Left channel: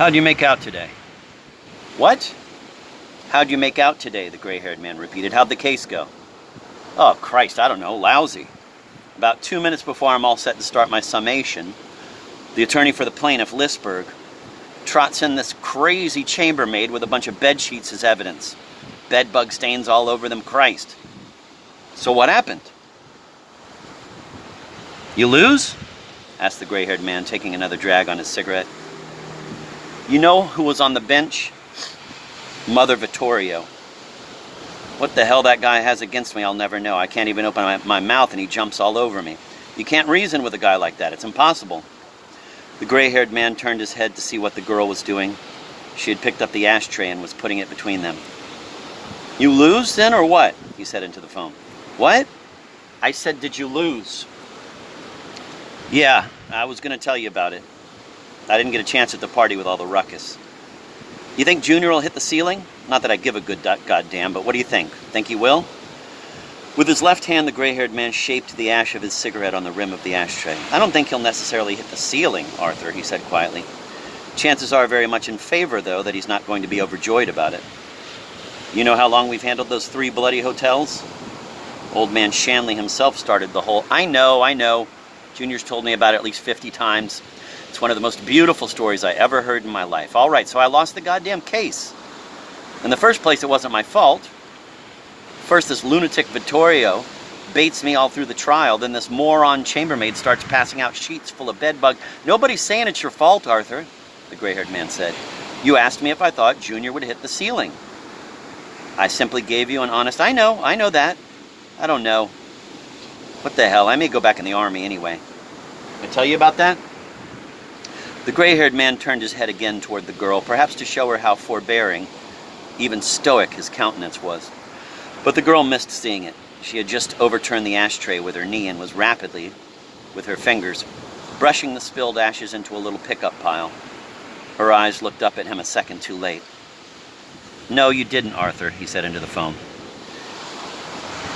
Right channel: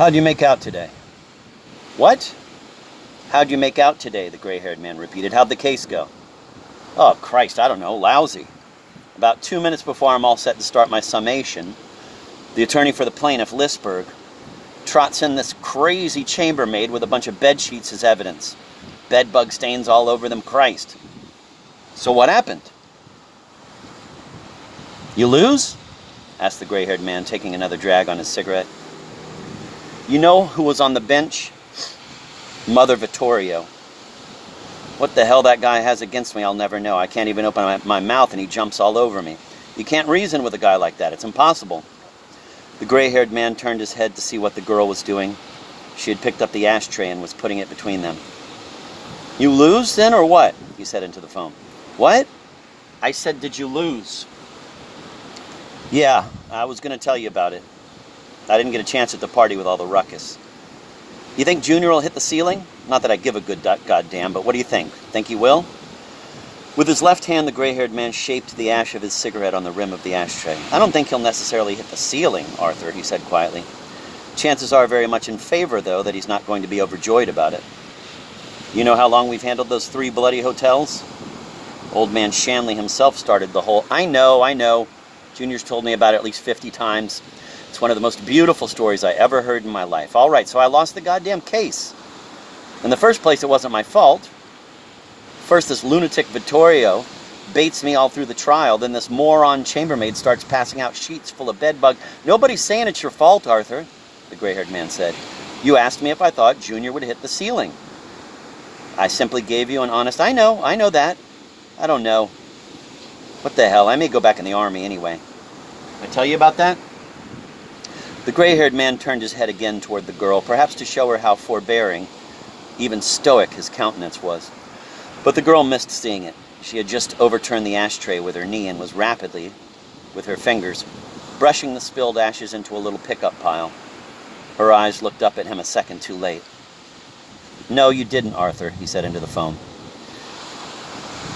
How'd you make out today? What? How'd you make out today? The gray-haired man repeated. How'd the case go? Oh, Christ, I don't know. Lousy. About 2 minutes before I'm all set to start my summation, the attorney for the plaintiff, Lisberg, trots in this crazy chambermaid with a bunch of bed sheets as evidence. Bed bug stains all over them. Christ. So what happened? You lose? Asked the gray-haired man, taking another drag on his cigarette. You know who was on the bench? Mother Vittorio. What the hell that guy has against me, I'll never know. I can't even open my mouth and he jumps all over me. You can't reason with a guy like that. It's impossible. The gray-haired man turned his head to see what the girl was doing. She had picked up the ashtray and was putting it between them. You lose then, or what? He said into the phone. What? I said, did you lose? Yeah, I was going to tell you about it. I didn't get a chance at the party with all the ruckus. You think Junior will hit the ceiling? Not that I give a good goddamn, but what do you think? Think he will? With his left hand, the gray-haired man shaped the ash of his cigarette on the rim of the ashtray. I don't think he'll necessarily hit the ceiling, Arthur, he said quietly. Chances are very much in favor, though, that he's not going to be overjoyed about it. You know how long we've handled those 3 bloody hotels? Old man Shanley himself started the whole... I know. Junior's told me about it at least 50 times. It's one of the most beautiful stories I ever heard in my life. All right, so I lost the goddamn case. In the first place, it wasn't my fault. First, this lunatic Vittorio baits me all through the trial. Then this moron chambermaid starts passing out sheets full of bedbug. Nobody's saying it's your fault, Arthur, the gray-haired man said. You asked me if I thought Junior would hit the ceiling. I simply gave you an honest, I know that. I don't know. What the hell, I may go back in the army anyway. Did I tell you about that? The gray-haired man turned his head again toward the girl, perhaps to show her how forbearing, even stoic, his countenance was. But the girl missed seeing it. She had just overturned the ashtray with her knee and was rapidly, with her fingers, brushing the spilled ashes into a little pickup pile. Her eyes looked up at him a second too late. No, you didn't, Arthur, he said into the phone.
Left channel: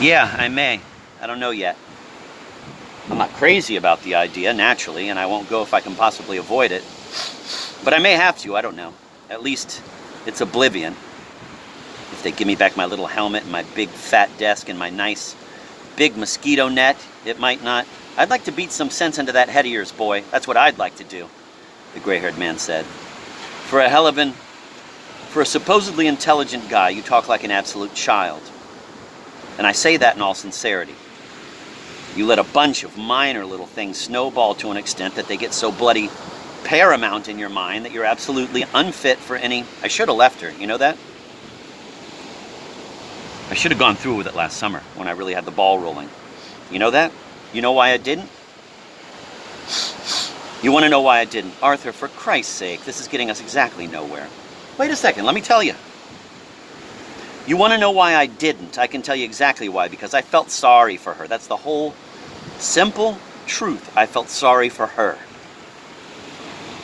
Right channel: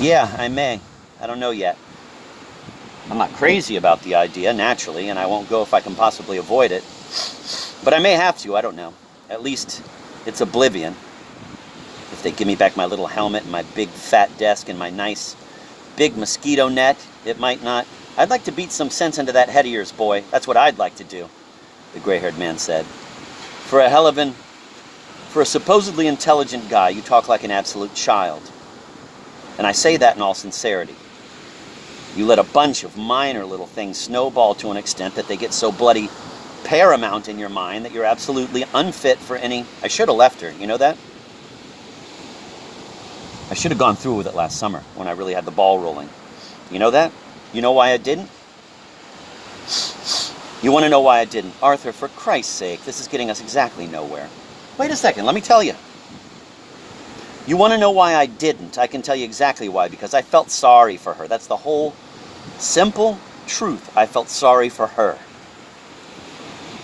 Yeah, I may. I don't know yet. I'm not crazy about the idea, naturally, and I won't go if I can possibly avoid it. But I may have to, I don't know. At least it's oblivion. If they give me back my little helmet and my big fat desk and my nice big mosquito net, it might not. I'd like to beat some sense into that head of yours, boy. That's what I'd like to do, the gray-haired man said. For a supposedly intelligent guy, you talk like an absolute child. And I say that in all sincerity. You let a bunch of minor little things snowball to an extent that they get so bloody paramount in your mind that you're absolutely unfit for any... I should have left her, you know that? I should have gone through with it last summer when I really had the ball rolling. You know that? You know why I didn't? You want to know why I didn't? Arthur, for Christ's sake, this is getting us exactly nowhere. Wait a second, let me tell you. You want to know why I didn't? I can tell you exactly why, because I felt sorry for her. That's the whole simple truth. I felt sorry for her.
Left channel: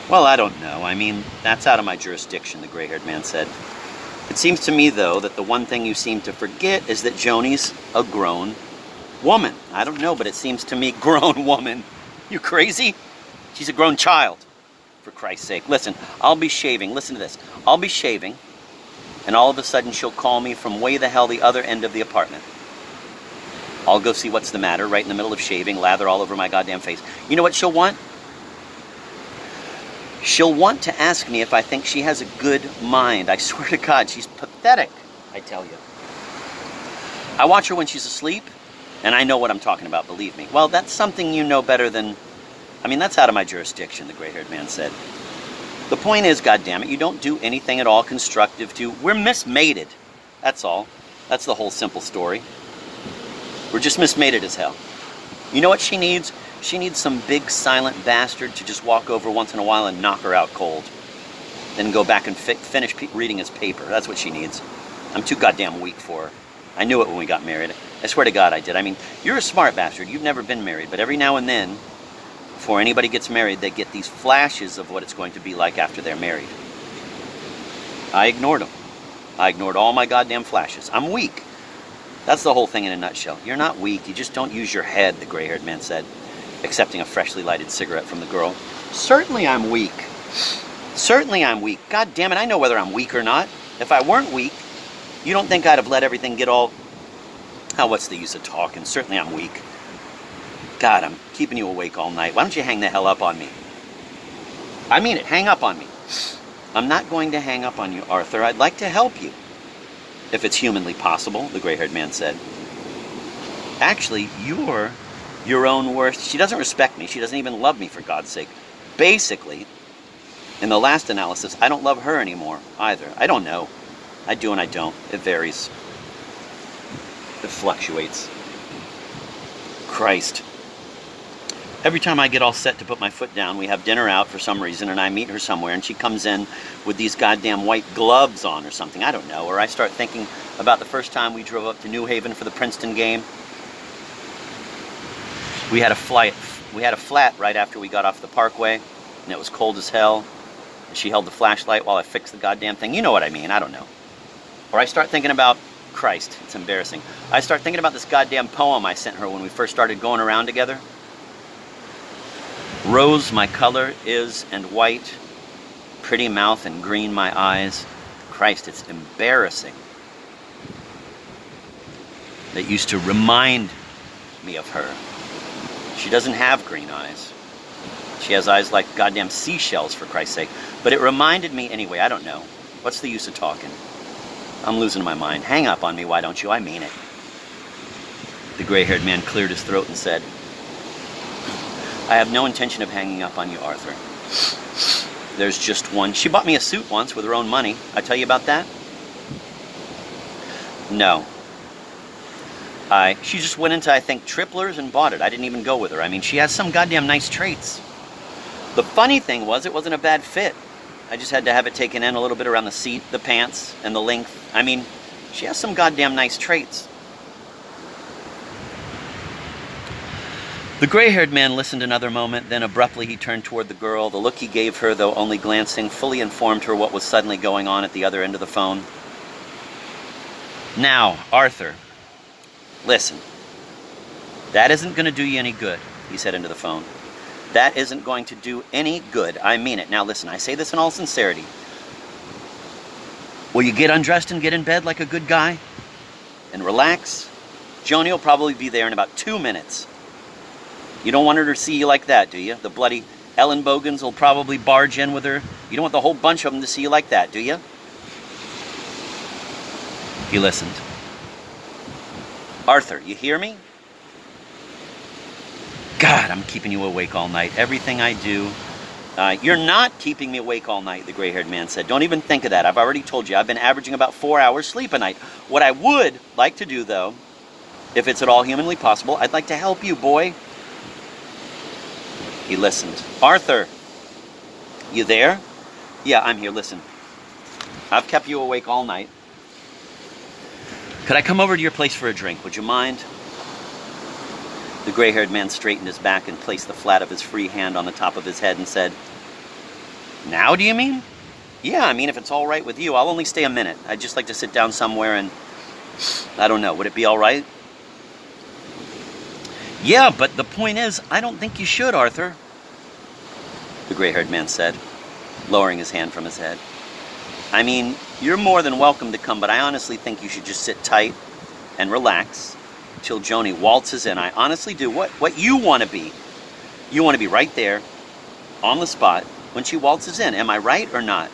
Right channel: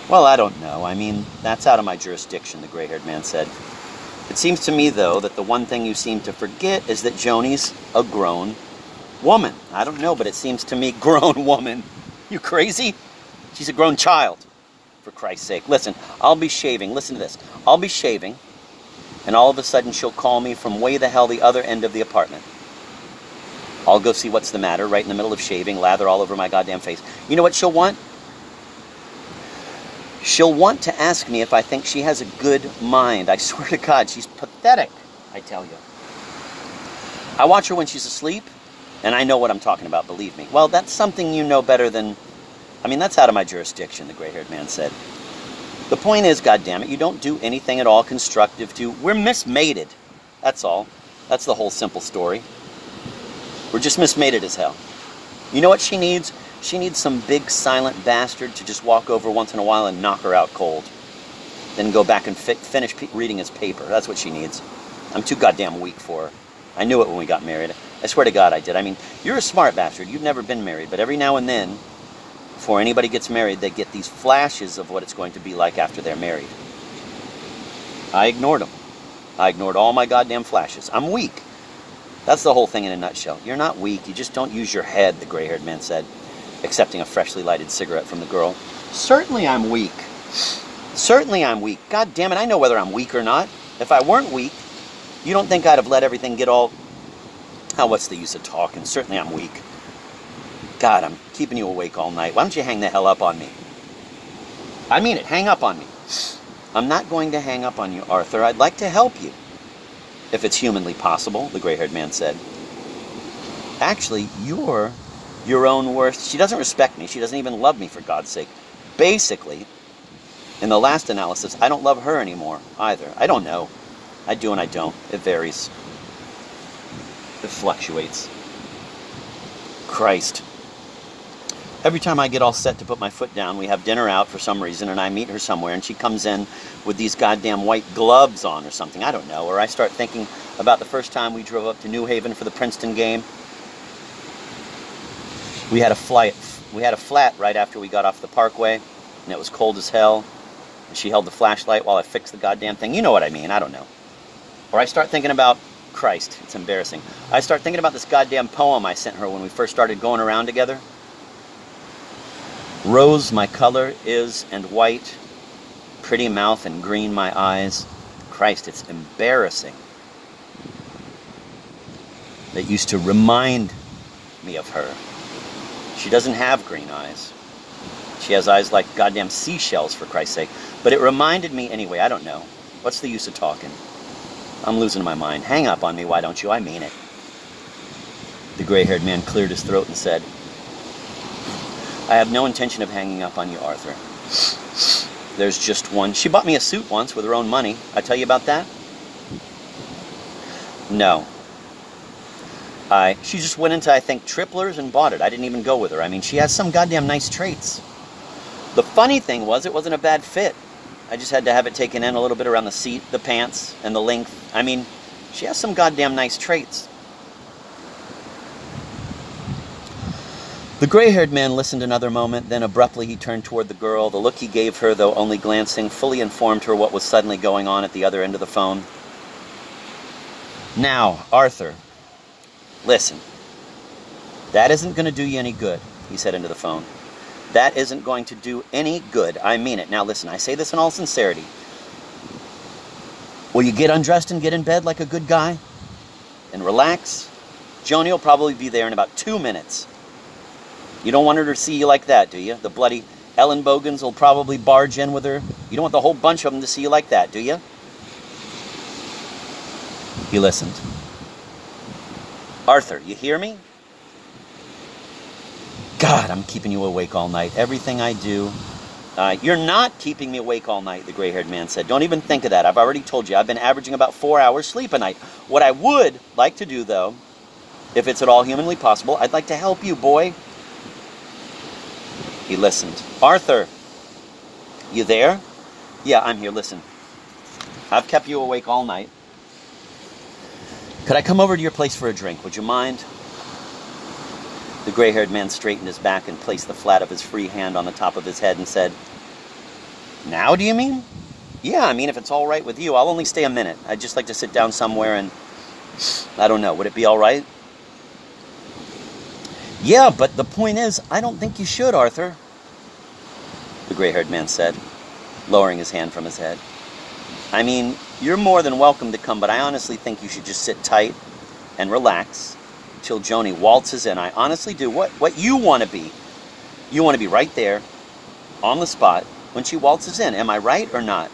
Well, I don't know. I mean, that's out of my jurisdiction, the gray-haired man said. It seems to me, though, that the one thing you seem to forget is that Joni's a grown woman. I don't know, but it seems to me, grown woman. You crazy? She's a grown child, for Christ's sake. Listen, I'll be shaving. Listen to this. I'll be shaving. And all of a sudden she'll call me from way the hell the other end of the apartment. I'll go see what's the matter right in the middle of shaving, lather all over my goddamn face. You know what she'll want? She'll want to ask me if I think she has a good mind. I swear to God, she's pathetic, I tell you. I watch her when she's asleep, and I know what I'm talking about, believe me. Well, that's something you know better than... I mean, that's out of my jurisdiction, the gray-haired man said. The point is, goddammit, you don't do anything at all constructive to... We're mismated. That's all. That's the whole simple story. We're just mismated as hell. You know what she needs? She needs some big silent bastard to just walk over once in a while and knock her out cold. Then go back and finish reading his paper. That's what she needs. I'm too goddamn weak for her. I knew it when we got married. I swear to God I did. I mean, you're a smart bastard. You've never been married. But every now and then... Before anybody gets married, they get these flashes of what it's going to be like after they're married. I ignored them. I ignored all my goddamn flashes. I'm weak. That's the whole thing in a nutshell. You're not weak. You just don't use your head, the gray-haired man said, accepting a freshly lighted cigarette from the girl. Certainly I'm weak. Certainly I'm weak. God damn it, I know whether I'm weak or not. If I weren't weak, you don't think I'd have let everything get all... Oh, what's the use of talking? Certainly I'm weak. God, I'm keeping you awake all night. Why don't you hang the hell up on me? I mean it, hang up on me. I'm not going to hang up on you, Arthur. I'd like to help you. If it's humanly possible, the gray-haired man said. Actually, you're your own worst... She doesn't respect me. She doesn't even love me, for God's sake. Basically, in the last analysis, I don't love her anymore, either. I don't know. I do and I don't. It varies. It fluctuates. Christ. Every time I get all set to put my foot down, we have dinner out for some reason, and I meet her somewhere, and she comes in with these goddamn white gloves on or something. I don't know. Or I start thinking about the first time we drove up to New Haven for the Princeton game. We had a flat right after we got off the Parkway, and it was cold as hell. And she held the flashlight while I fixed the goddamn thing. You know what I mean. I don't know. Or I start thinking about... Christ, it's embarrassing. I start thinking about this goddamn poem I sent her when we first started going around together. Rose my color is and white, pretty mouth and green my eyes. Christ, it's embarrassing. That used to remind me of her. She doesn't have green eyes. She has eyes like goddamn seashells, for Christ's sake. But it reminded me anyway. I don't know. What's the use of talking? I'm losing my mind. Hang up on me, why don't you? I mean it. The gray-haired man cleared his throat and said, I have no intention of hanging up on you, Arthur. There's just one. She bought me a suit once with her own money. I tell you about that? No. She just went into, I think, Tripler's and bought it. I didn't even go with her. I mean, she has some goddamn nice traits. The funny thing was, it wasn't a bad fit. I just had to have it taken in a little bit around the seat, the pants, and the length. I mean, she has some goddamn nice traits. The gray-haired man listened another moment, then abruptly he turned toward the girl. The look he gave her, though only glancing, fully informed her what was suddenly going on at the other end of the phone. Now, Arthur, listen. That isn't going to do you any good, he said into the phone. That isn't going to do any good. I mean it. Now listen, I say this in all sincerity. Will you get undressed and get in bed like a good guy? And relax? Joni will probably be there in about 2 minutes. You don't want her to see you like that, do you? The bloody Ellen Bogans will probably barge in with her. You don't want the whole bunch of them to see you like that, do you? He listened. Arthur, you hear me? God, I'm keeping you awake all night. Everything I do. You're not keeping me awake all night, the gray-haired man said. Don't even think of that. I've already told you. I've been averaging about 4 hours sleep a night. What I would like to do, though, if it's at all humanly possible, I'd like to help you, boy. He listened. Arthur, you there? Yeah, I'm here. Listen. I've kept you awake all night. Could I come over to your place for a drink? Would you mind? The gray-haired man straightened his back and placed the flat of his free hand on the top of his head and said, Now, do you mean? Yeah, I mean, if it's all right with you, I'll only stay a minute. I'd just like to sit down somewhere and... I don't know, would it be all right? Yeah, but the point is, I don't think you should, Arthur. The gray-haired man said, lowering his hand from his head. I mean, you're more than welcome to come, but I honestly think you should just sit tight and relax till Joni waltzes in. I honestly do. What you want to be. You want to be right there, on the spot, when she waltzes in. Am I right or not?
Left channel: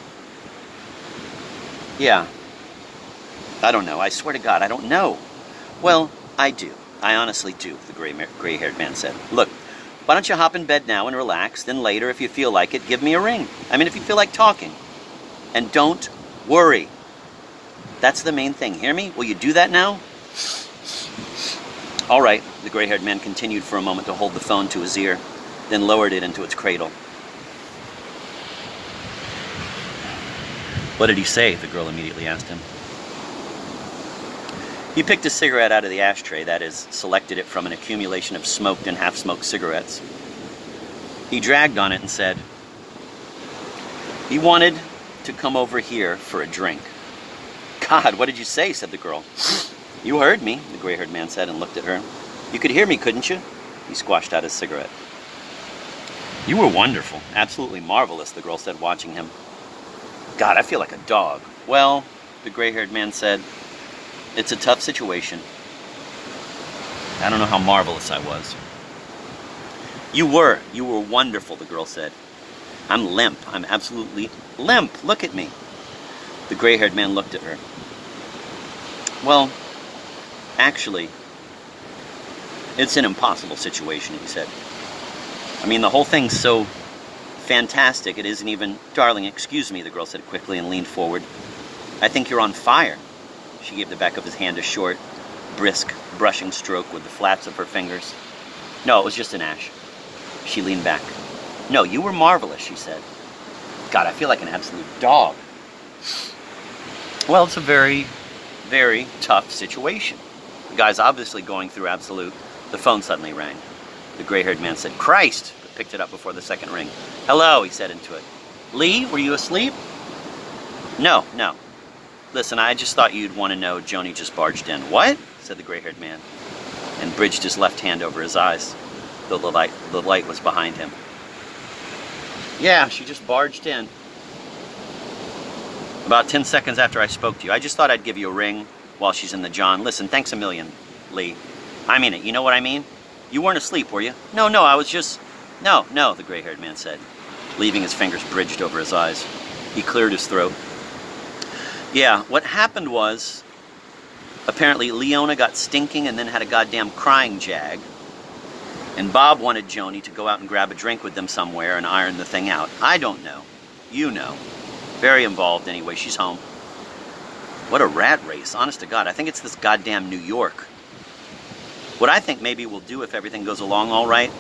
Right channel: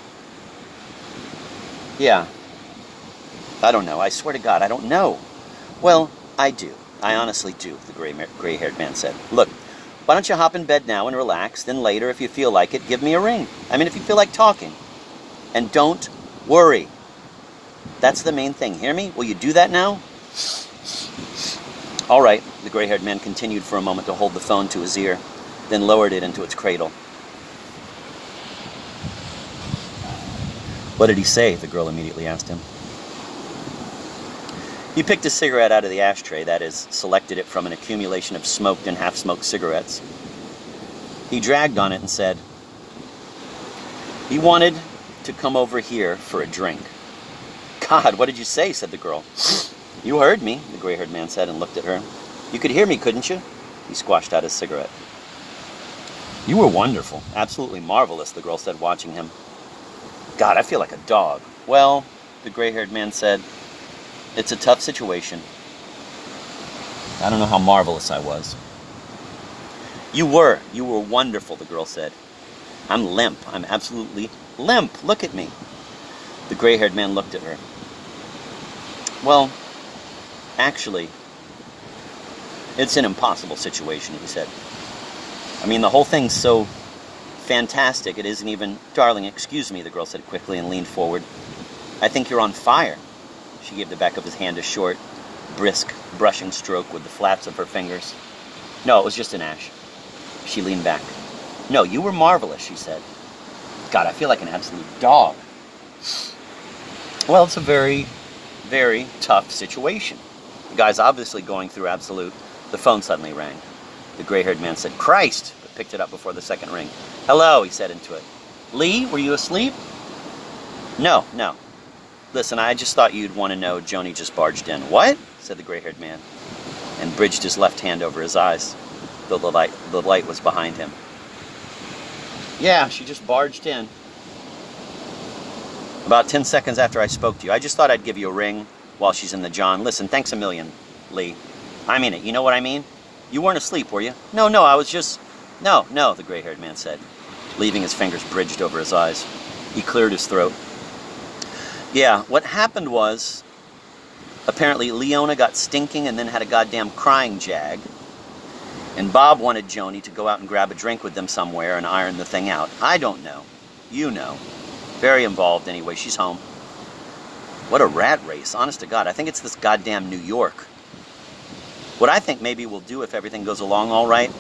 Yeah. I don't know. I swear to God, I don't know. Well, I do. I honestly do, the gray-haired man said. Look, why don't you hop in bed now and relax, then later, if you feel like it, give me a ring. I mean, if you feel like talking. And don't worry. That's the main thing. Hear me? Will you do that now? All right, the gray-haired man continued for a moment to hold the phone to his ear, then lowered it into its cradle. What did he say? The girl immediately asked him. He picked a cigarette out of the ashtray, that is, selected it from an accumulation of smoked and half-smoked cigarettes. He dragged on it and said, he wanted to come over here for a drink. God, what did you say? Said the girl. You heard me, the gray-haired man said and looked at her. You could hear me, couldn't you? He squashed out his cigarette. You were wonderful. Absolutely marvelous, the girl said, watching him. God, I feel like a dog. Well, the gray-haired man said, it's a tough situation. I don't know how marvelous I was. You were wonderful, the girl said. I'm limp. I'm absolutely limp. Look at me. The gray-haired man looked at her. Well, actually, it's an impossible situation, he said. I mean, the whole thing's so fantastic, it isn't even... Darling, excuse me, the girl said quickly and leaned forward. I think you're on fire. She gave the back of his hand a short, brisk, brushing stroke with the flaps of her fingers. No, it was just an ash. She leaned back. No, you were marvelous, she said. God, I feel like an absolute dog. Well, it's a very, very tough situation. The guy's obviously going through absolute... The phone suddenly rang. The gray-haired man said, Christ! But picked it up before the second ring. Hello, he said into it. Lee, were you asleep? No. Listen, I just thought you'd want to know Joni just barged in. What? Said the gray-haired man, and bridged his left hand over his eyes, though the light was behind him. Yeah, she just barged in. About 10 seconds after I spoke to you. I just thought I'd give you a ring while she's in the John. Listen, thanks a million, Lee. I mean it, you know what I mean? You weren't asleep, were you? No, I was just... No, the gray-haired man said, leaving his fingers bridged over his eyes. He cleared his throat. Yeah, what happened was, apparently Leona got stinking and then had a goddamn crying jag. And Bob wanted Joni to go out and grab a drink with them somewhere and iron the thing out. I don't know. You know. Very involved anyway. She's home. What a rat race. Honest to God, I think it's this goddamn New York. What I think maybe we'll do if everything goes along all right,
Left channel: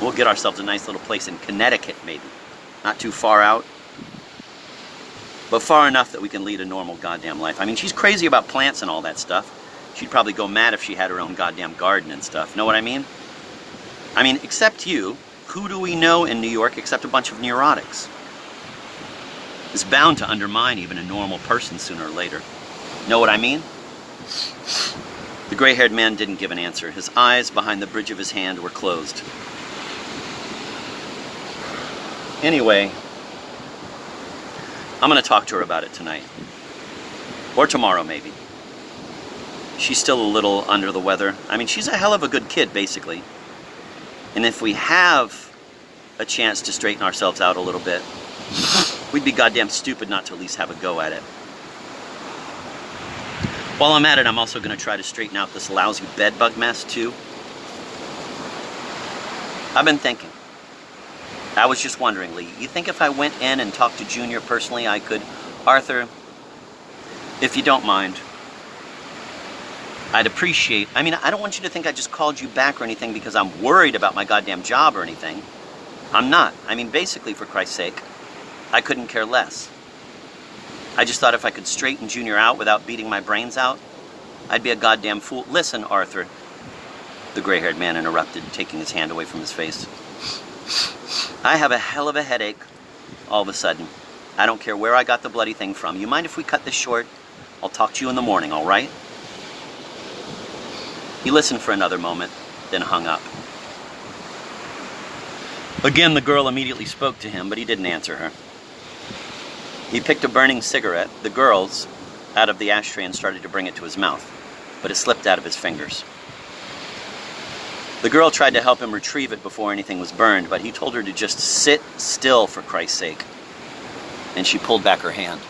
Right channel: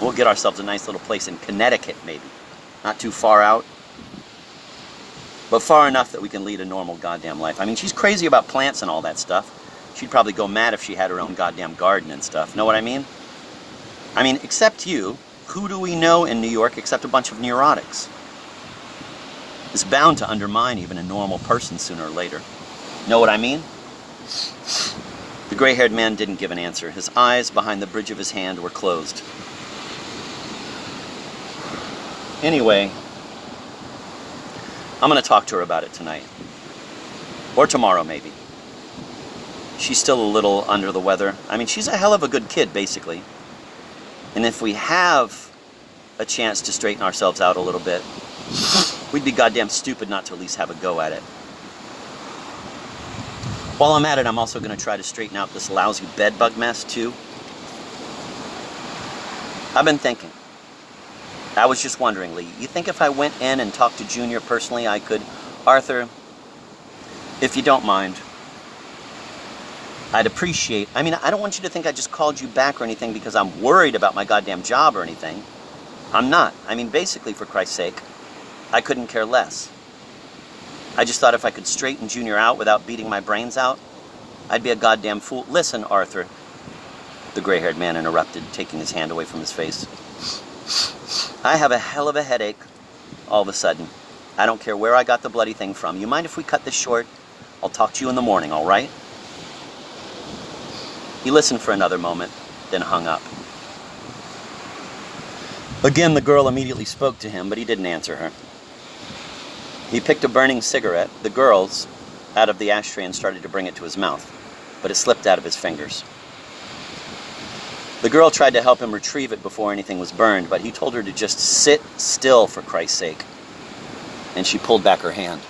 we'll get ourselves a nice little place in Connecticut, maybe. Not too far out. But far enough that we can lead a normal goddamn life. I mean, she's crazy about plants and all that stuff. She'd probably go mad if she had her own goddamn garden and stuff. Know what I mean? I mean, except you, who do we know in New York except a bunch of neurotics? It's bound to undermine even a normal person sooner or later. Know what I mean? The gray-haired man didn't give an answer. His eyes behind the bridge of his hand were closed. Anyway, I'm going to talk to her about it tonight. Or tomorrow, maybe. She's still a little under the weather. I mean, she's a hell of a good kid, basically. And if we have a chance to straighten ourselves out a little bit, we'd be goddamn stupid not to at least have a go at it. While I'm at it, I'm also going to try to straighten out this lousy bedbug mess, too. I've been thinking. I was just wondering, Lee, you think if I went in and talked to Junior personally, I could... Arthur, if you don't mind, I'd appreciate... I mean, I don't want you to think I just called you back or anything because I'm worried about my goddamn job or anything. I'm not. I mean, basically, for Christ's sake, I couldn't care less. I just thought if I could straighten Junior out without beating my brains out, I'd be a goddamn fool. Listen, Arthur, the gray-haired man interrupted, taking his hand away from his face. I have a hell of a headache all of a sudden. I don't care where I got the bloody thing from. You mind if we cut this short? I'll talk to you in the morning, all right? He listened for another moment, then hung up. Again, the girl immediately spoke to him, but he didn't answer her. He picked a burning cigarette, the girl's, out of the ashtray and started to bring it to his mouth, but it slipped out of his fingers. The girl tried to help him retrieve it before anything was burned, but he told her to just sit still, for Christ's sake. And she pulled back her hand.